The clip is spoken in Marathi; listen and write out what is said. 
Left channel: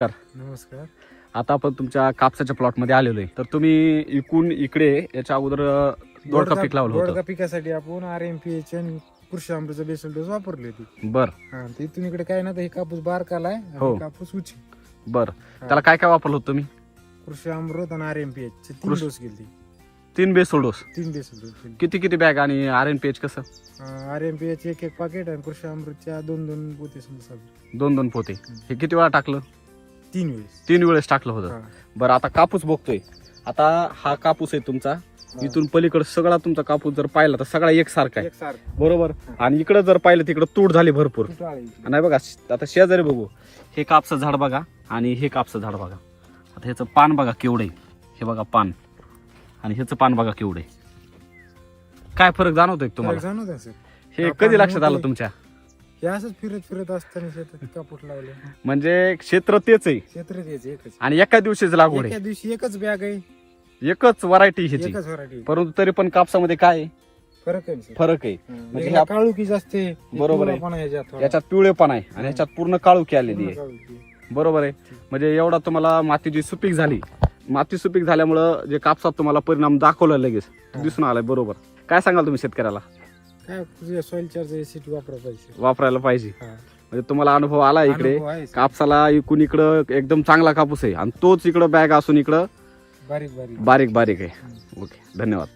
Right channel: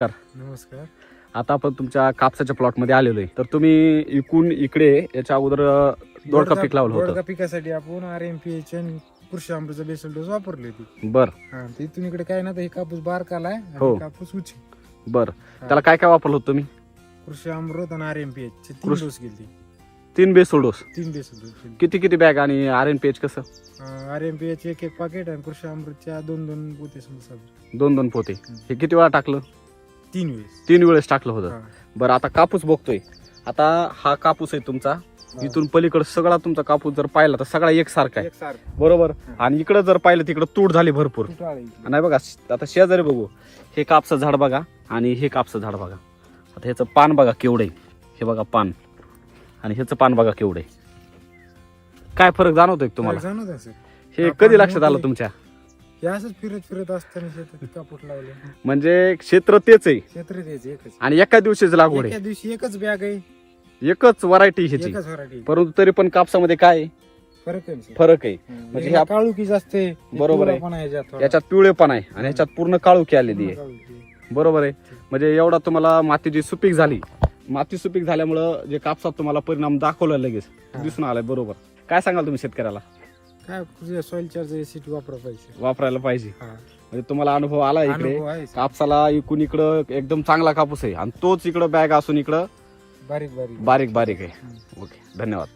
नमस्कार. आता आपण तुमच्या कापसाच्या प्लॉट मध्ये आलेलो आहे. तर तुम्ही इकडून इकडे याच्या अगोदर दोडका पीक लावलं दोडका होतं. पिकासाठी आपण RMPH आणि कृषी अमृत बेसल डोस वापरली होती. बर तर इथून इकडे काय ना, तर हे कापूस बारकाला आहे हो. आणि कापूस उची. बर त्याला काय काय वापरलं होतं तुम्ही? कृषी अमृत आणि RMPH चे 3 कृषी- डोस गेली. 3 बेसल डोस. 3 basal dose. किती बॅग आणि RNPH कसं? RMPH एक पाकिट आणि कृषी अमृतच्या 2 पोते समजा 2 पोते. हे किती वेळा टाकलं? 3 वेळेस. 3 वेळेस टाकलं होतं. हा. बरं आता कापूस बघतोय. आता हा कापूस आहे तुमचा. हा. इथून पलीकडे सगळा तुमचा कापूस जर पाहिला तर सगळा एकसारखा आहे, एकसारखं. बरोबर. आणि इकडे जर पाहिलं तिकडे तूट झाली भरपूर. किती आळे इथे? नाही बघा, आता शेजारी बघू, हे कापसाचं झाड बघा आणि हे कापसाचं झाड बघा. आता ह्याचं पान बघा केवढं आहे, हे बघा पान, आणि ह्याचं पान बघा केवढं आहे. काय फरक जाणवतोय का तुम्हाला? जाणवत असेल. हे हा, कधी पान लक्षात आलं मोठं तुमच्या? हे असंच फिरत असताना शेतात कापूस लावले. म्हणजे क्षेत्र तेच आहे क्षेत्र द्यायचे एकच. आणि एका दिवशीच लागवड एका आहे, दिवशी एकच बॅग आहे, एकच व्हरायटी ह्याची. एकच व्हरायटी. परंतु तरी पण कापसामध्ये काय आहे? फरक आहे. फरक आहे. म्हणजे ह्या- काळुकी जास्त आहे. बरोबर आहे. पिवळापणा आहे याच्यात. याच्यात पिवळेपण आहे आणि ह्याच्यात पूर्ण काळोखी आलेली आहे, बरोबर आहे. म्हणजे एवढा तुम्हाला मातीची सुपीक झाली. माती सुपीक झाल्यामुळं जे कापसात तुम्हाला परिणाम दाखवला लगेच हा. दिसून आलाय, बरोबर. काय सांगाल तुम्ही शेतकऱ्याला? काय सॉइल चार्ज एसिड वापरायला पाहिजे. वापरायला पाहिजे. हा. म्हणजे तुम्हाला अनुभव आला इकडे अनुभव आहे. कापसाला. इकडून इकडं एकदम चांगला कापूस आहे आणि तोच इकडं बॅग असून इकडं बारीक बारीक बारीक बारीक आहे. ओके, धन्यवाद.